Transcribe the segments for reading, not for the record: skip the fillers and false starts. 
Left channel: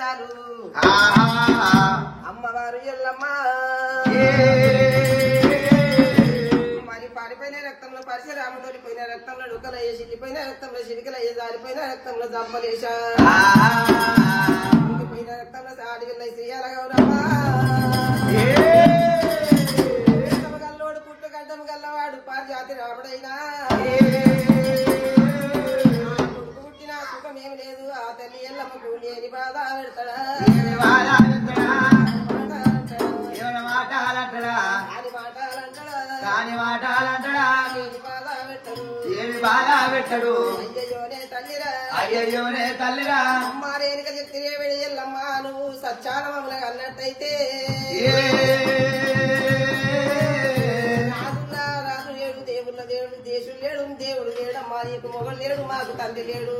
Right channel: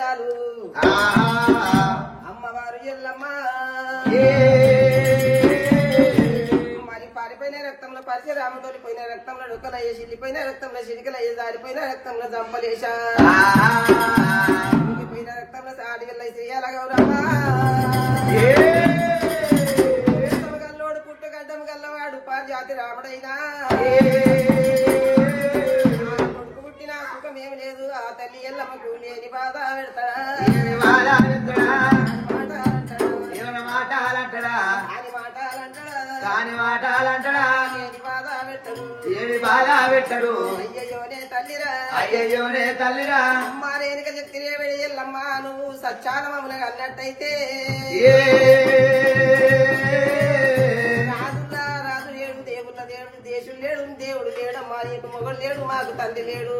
చాలు అమ్మవారు ఎల్లమ్మ మరి పారిపోయిన రక్తంలో పరశురాముడు పోయిన రక్తంలో డొక్కలయ్యే చిల్లిపోయిన రక్తంలో చిలికలయ్యే జారిపోయిన రక్తంలో జమ్మలేశా పోయిన రక్తంలో సాడిగల్ల శ్రీయాల గౌరమ్మ గల్లోడు పుట్టుగడ్డం గల్లవాడు పారిజాతి రాముడైనా పుట్టిన సుఖమేమి లేదు ఆ తల్లి ఎల్లమ్మకు లేని బాధ పెడతాడా కాని మాటాలంటడా ఏమి బాధ పెట్టడు అయ్యయ్యోనే తల్లిరా అమ్మా రేణుక చెప్తే ఎల్లమ్మ నువ్వు సచ్చానమములుగా అన్నట్టయితే రాజు లేడు దేవుళ్ళ దేవుడు దేశం లేడు దేవుడు లేడమ్మా ఇంటి మొగలు లేడు మాకు తండ్రి లేడు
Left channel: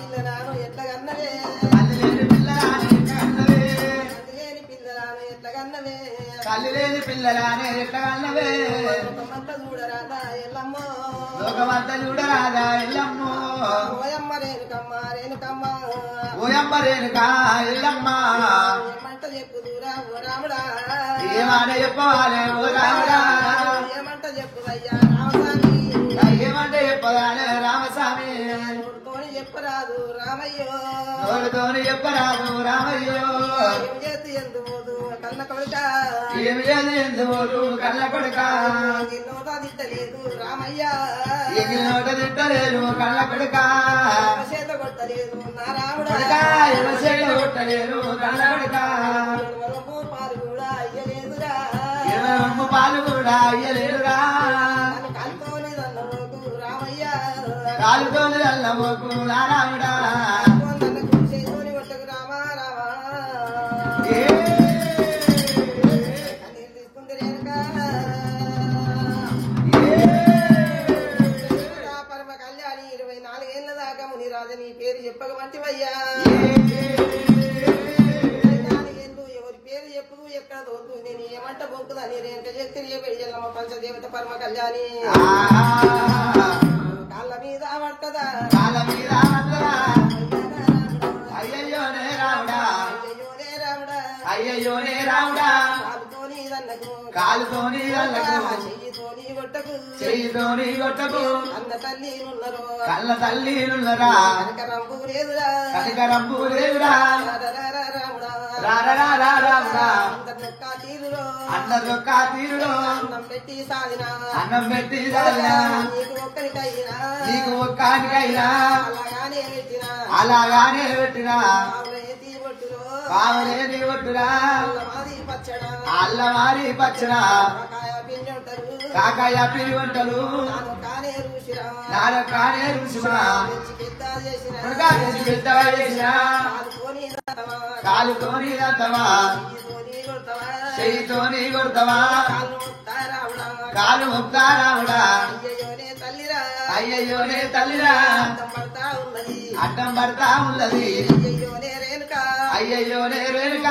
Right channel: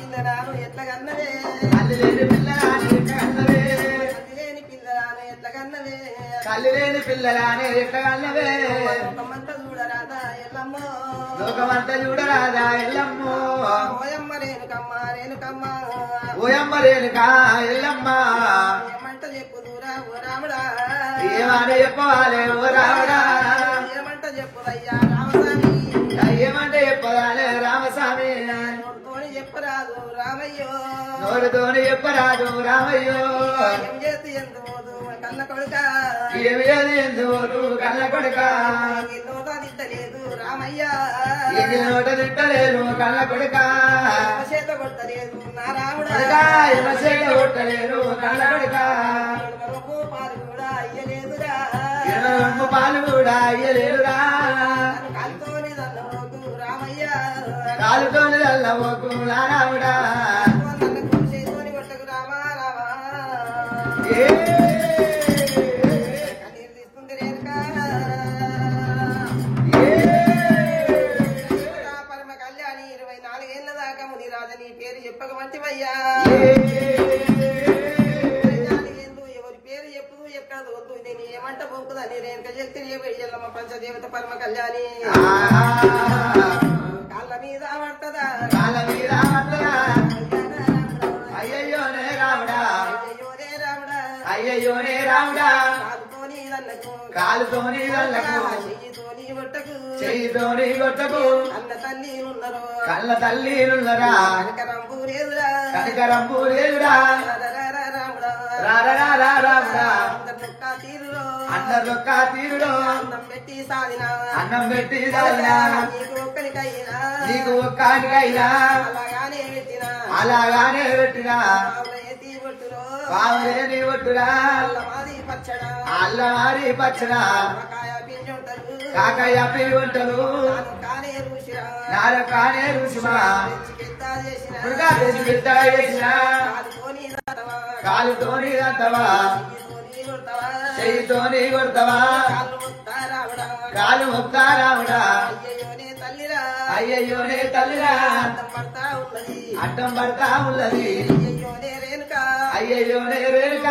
పిల్లరాను ఎట్లగన్నవే తల్లి లేని పిల్లరానే ఎట్టగన్నవే లోకమంతా చూడరాదా ఎల్లమ్మో లోకమంతా చూడరాదా ఎల్లమ్మో ఓయమ్మ రేణుకమ్మ రేణుకమ్మ ఓయమ్మ రేణుకా ఎల్లమ్మ ఏమంట చెప్పుదురా ఓ రాముడా ఏమాట చెప్పవాలే ఓ రాముడా ఏమంట చెప్పుదయ్యా రామస్వామి ఏమంటే చెప్పదాలే రామస్వామి నోటితోని చెప్పురాదు రామయ్యో నోడుతోని చెప్పరాదు రామయ్యో ఏం చేతి ఎందు పోదు కన్న కొడుక ఏమి లేదు ఎందుకు కళ్ళ కొడుక నోట తిట్టలేదు రామయ్య ఎన్ని నోట తిట్టలేదు కళ్ళ కొడుక చేత కొట్టలేదు నా రాముడా ఇరవై కొట్టలేదు కళ్ళ కొడుక పాలు కూడా అయ్యలేదురా 22 పాలు కూడా అయ్యలేదురా కాలుతోని దన్నరోగు రామయ్య కాలుతోని వెళ్ళబోకు రాముడా చేతోని కొట్టకు రామా రామా పరమ కళ్యాణి 24 ఏళ్ల దాకా ముని రాజని పేరు చెప్పకమంటివయ్యా ఎవరి పేరు చెప్పుదు ఎక్కడ వద్దు నేను ఏమంట పోకుదని రేణుక శక్తి వెళ్ళమ్మ పంచదేవత పరమ కళ్యాణి కాళ్ళ మీద పడుతుందా అయ్యయ్యోనే రాముడా అయ్యోనే రాముడా అయ్యయ్యోనే రాముడా కాలుతోని దన్నకు కాలుతోని వెళ్ళకు చెయ్యితోని కొట్టకు చెయ్యితోని కొట్టకు అన్న తల్లి ఉన్నారు కళ్ళ తల్లిలున్నరా కనకరంపు లేదురా కనికరంపు లేదురా రాముడా రారా రాముడా అందరొక్క తీరులో అందరొక్క తీరుడు అన్నం పెట్టి సాగిన అన్నం పెట్టి రాలినా నీకు ఒక్కడికైనా నీకు ఒక్కడికైనా అలాగానే పెట్టిన అలాగానే పెట్టినా ఎత్తి కొట్టులో పావలేని ఒట్టురా మాది పచ్చడ అల్లవారి పచ్చన కాయ పిండి ఉంటారు కాకయ్య పిల్లి వంటలు కానే రుచిరా నాలో కానే రుచిరా పెద్ద చేసిన కాలుతోని రంతవా చెయ్యితోని కొడతావా కాలు మొక్కా రావుడా అయ్యయ్యోనే తల్లిరా అడ్డం పడతా ఉన్నది అయ్యయ్యోనే రేణుక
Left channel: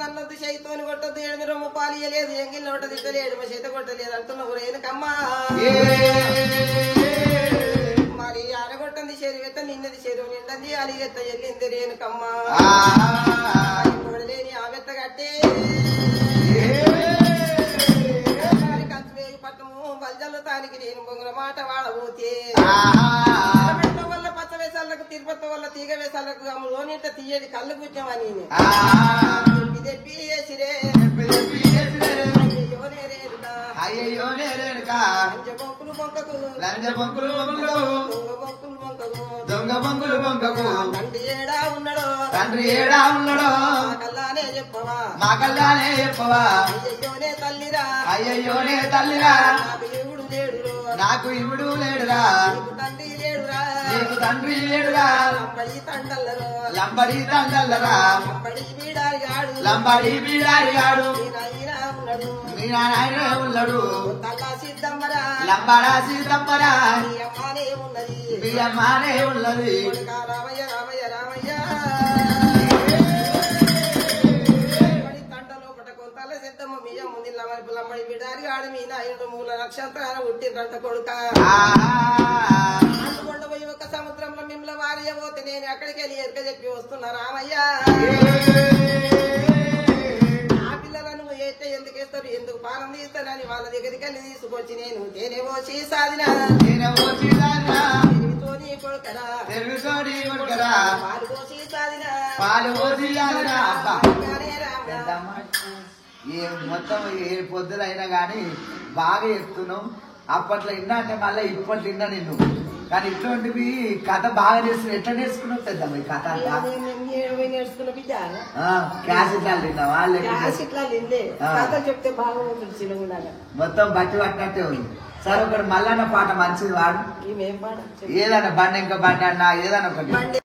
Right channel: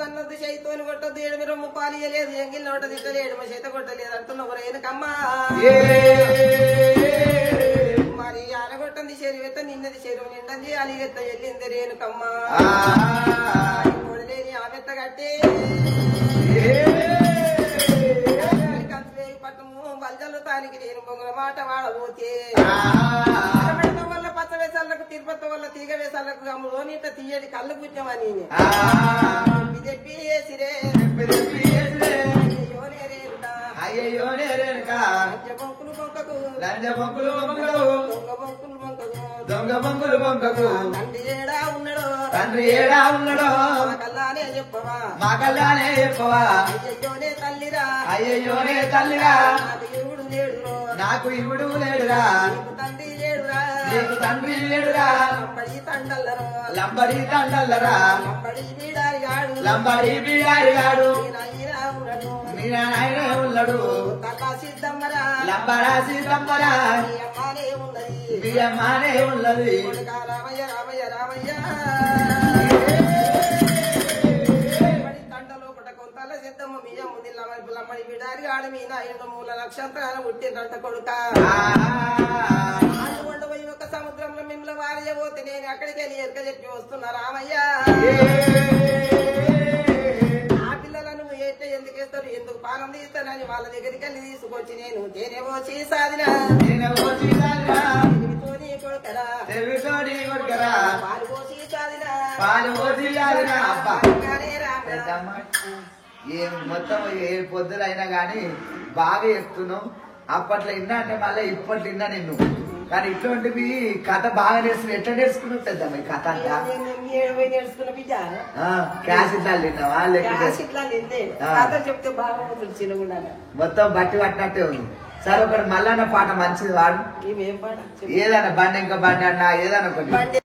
నన్నొద్దు చేయితోని కొట్టొద్దు 7 రొమ్ము పాలియలేదు ఎంగిల్ నోట తిట్టలేడు మా చేత కొట్టలేదు అంటున్నావు రేణుకమ్మా మరి ఆడగొట్టంది చెరువు నిన్నది చెరువు నిండంది అని ఎత్త వెళ్ళింది రేణుకమ్మా కొడలేని ఆమెత్త కట్టి పట్టము బల్జల్లు తానికి నేను పొంగుల మాట వాడబోతే వల్ల పచ్చ వేసాలకు తిరుపతి వల్ల తీగ వేసాలకు అమ్ములోనింత తీయడి కళ్ళు పుణ్యమని ఇది పిసిరే అయ్యయ్యోనే రేణుక బొంకులు బొంకకు లంజ బొంకులు బొంకలు దొంగ బొంకులు బొంకకు దొంగ బొంకులు బొంకకు తండ్రి ఏడా ఉన్నాడో తండ్రి ఏడా ఉన్నాడో కల్లానే చెప్పవా మా కల్లానే చెప్పవా అయ్యయ్యోనే తల్లిరా అయ్యయ్యోనే తల్లిరా నాకు ఎవడు లేడురో నాకు ఇవుడు లేడురా తండ్రి లేడురా నీకు తండ్రి లేడురా లంబడి తండల్లరో లంబడి తండల్లరా లంబడి బీడారిగాడు లంబడి బీడారిగాడు నాయనా ఉన్నాడు మీ నాయన ఉన్నాడు తల్లా సిద్ధమ్మరా లంబడా సీతమ్మరా నీ అమ్మానే ఉన్నది బియ్యమ్మానే ఉన్నది రామయ్య రామయ్య రామయ్య తండలో పట కొంతల సిద్ధమ్మ బియ్యం ముందు లంబడి బీడారిగాడు మీ నాయన మూల నక్షత్రాలు పుట్టిందంట కొడుక పోయి ఒక సముద్రంలో వాళ్ళ దగ్గరికి వెళ్ళి తీసుకొచ్చి నేను తేనె పోసి సాదిన నేనెవో తీరాలిరా, తెలివితోని కొడుకరా తెలుగుతోని కొడుకరా, పాలు పోసి సాదిన పాలు పోసిల్లాలిరా. అబ్బా కానీ రామ పెద్దమ్మ, ఏ మొత్తం ఏ పొద్దులైనా గాని బాగా చెప్తున్నావు. అప్పట్లో విన్నా అంటే మళ్ళీ ఇప్పట్లో విన్నా నిన్ను. కానీ ఇటువంటివి కథ బాగా నేర్చుకుని ఎట్లా నేర్చుకున్నావు పెద్దమ్మ ఈ కథ? నేర్చుకున్న బిడ్డ క్యాసెట్లు తిన్నావా లేకపోతే ఇట్లా నిందే కథ చెప్తే బాగా ఉంటుంది చిన్నగా మొత్తం బట్టి పట్టినట్టే ఉంది. సరే ఒకటి మల్లన్న పాట మంచిది వాడు, ఇవేం పాట ఏదైనా బండి ఇంకా బండి అన్నా ఏదైనా ఒకటి.